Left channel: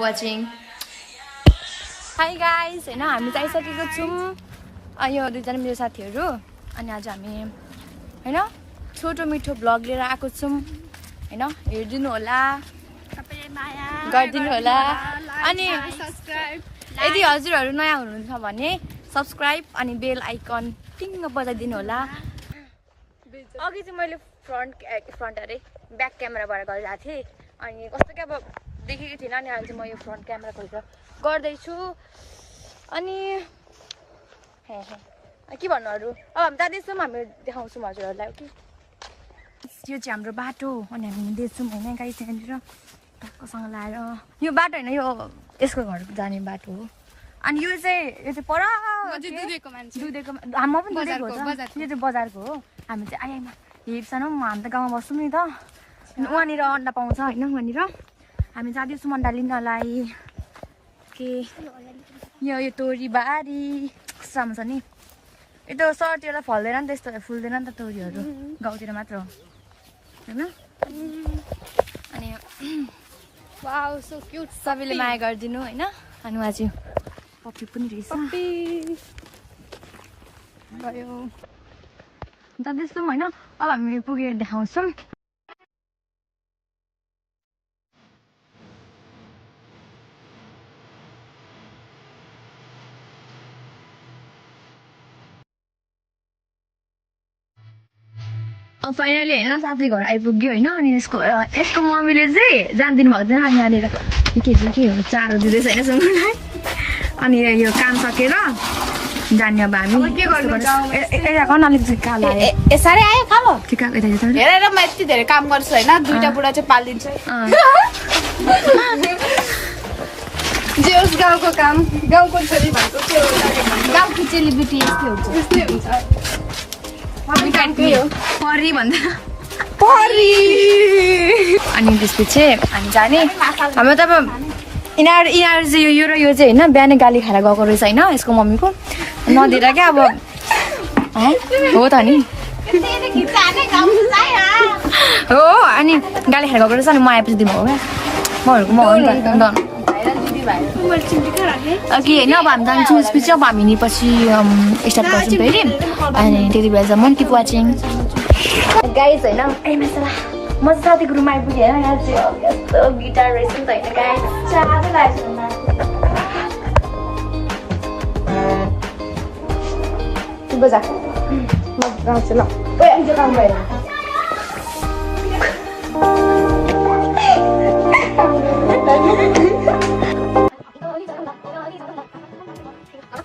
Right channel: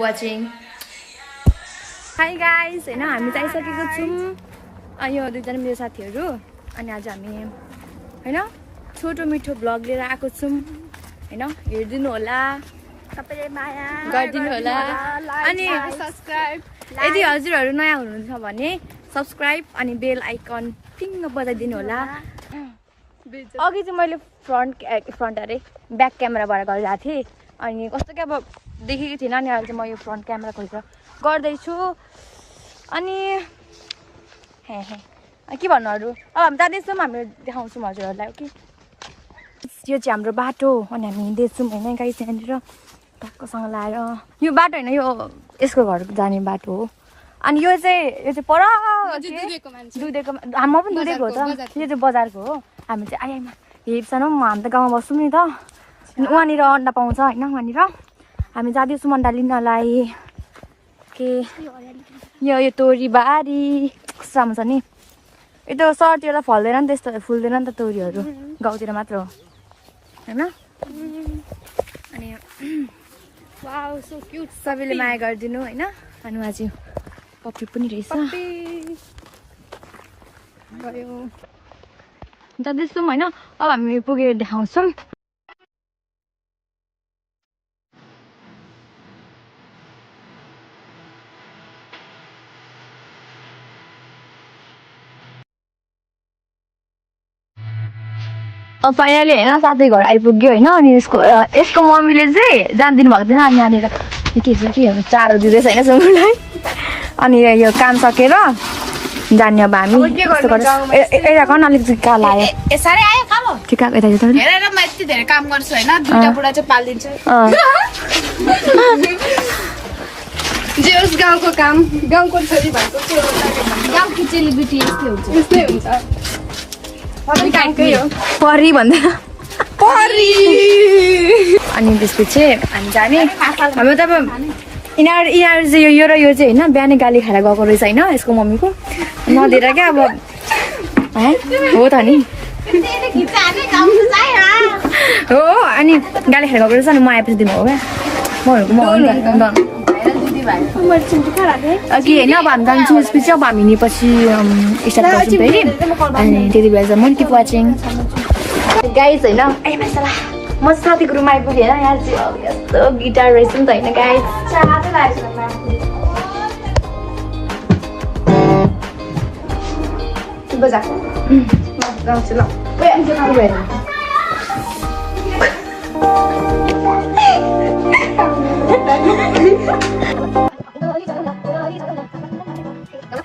watching. Hi guys, हैन हामी चाहिँ आइसकेको छौं यो दुईजना मेरो साथीहरु अनि आज हामी हैन छोटो मिठो ब्लग लिएर आएको छौं हैन हेर्दिनु होला सबैले माया गर्दिनु होला अनि सब्स्क्राइब यदि हजुरहरु नयाँ हुनुहुन्छ भने सब्स्क्राइब अनि बेल आइकन टिङ बजाइदिनु होला अघि चाहिँ मैले फ्रन्ट अरे ब्याक क्यामेराबाट गरिरहेको थिएँ अनि कस्तो के अब देखेको थिएन अनि अहिले चाहिँ म यो फ्रन्ट क्यामेरा खोलेर गर्दैछु अनि के भन्नु अरू अब हामी जाँदैछौँ हामी देखाउँछौँ हजुरहरूलाई कि यो चाहिँ हाम्रो बाटो अनि हामी हिँड्दैछौँ होइन गाई त्यहाँनिर टक्कसँग लाएर यो बाटो होइन यो यसको घर जाने बाटो हो अनि यो चाहिँ पर दुधेको म पनि दुधेको हो त यो चाहिँ बजारको हो हामी चाहिँ आइआइमा हेर्छौँ हामी त गाउँमा बस्छौँ नि त उहाँनिर अन्डा पाउँछ होइन उहाँनिर हामी जाँदैछौँ अन्डा लिनलाई के यो तोरी बारी कस्तो राम्रो छ नि यो त सहरतिर त फल्दैन नि त्यस्तो फुल्दैन नि त तोरीहरू गाउँतिर मात्र हो होइन अनि सबैले माया गरिदिनु होइन अनि उहाँ चाहिँ पप्पी पनि रहेछ जाँदैछौँ होइन अब हामी पुगेर देखाउँछौँ फाइनली होइन साथै घर आइपुग्यो होइन अनि यसको मम्मीले चाहिँ जानिदिनु भएको थिएन अनि यहाँनिर के छ कि चारो दिँदैछ होइन सुँगुरलाई अनि यो काम सकेर जाने अब हामी यता गर्न अलिकति कालो आयो साह्रै आयो काम ठिक यता हेरेर म यति धेरै काम गर्छु होइन दुईटा बुढा चाहिँ पालिदिन्छ जे होस् गाउँको काम गाउँको छोरी भएको गाउँको चेलीबेटी यस्तै हुन्छ परी भन्दा अनि त्यसपछि हामी जाने हाम्रो त अब यिनीहरू चाहिँ यो र यो चाहिँ होइन बिहानै गाली खाएर गएको रहेछ होइन यसको मम्मीको नदिएर क्या अब हो त नि हो अनि गाली खाएर गएको रहेछ अनि म आएपछि दिनु हो क्या म हो नि त अघि होइन अब हामी जान्छौँ यसपछि अब हामी हिँडेपछि स्टार्ट गर्छौँ फेरि अनि त्यति बेलासम्म किप वाचिङ गाइज होइन म साथीको रुम आइपुगेँ होइन यहाँ चाहिँ अब यस्तो गिटार रहेछ नि त होइन गाइज